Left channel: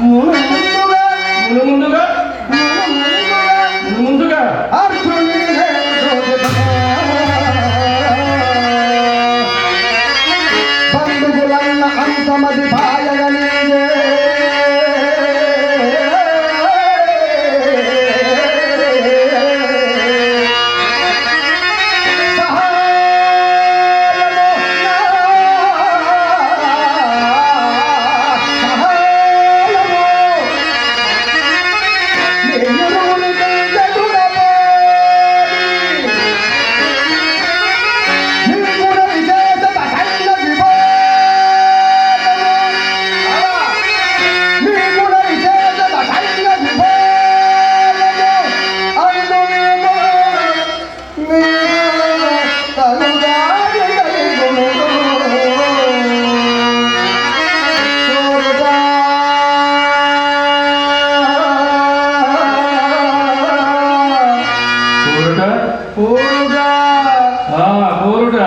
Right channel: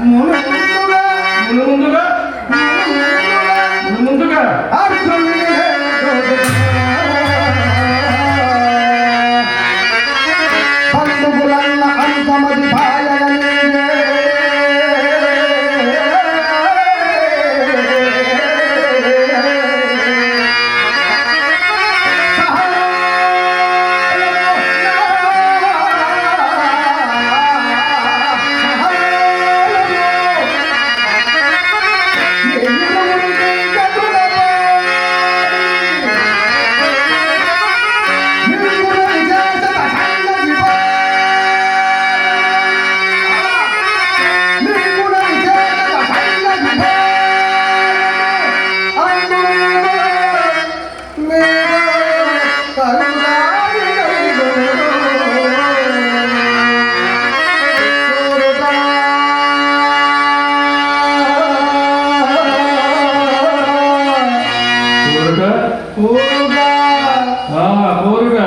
Mm-hmm. కోరుట కోరుట కోరుట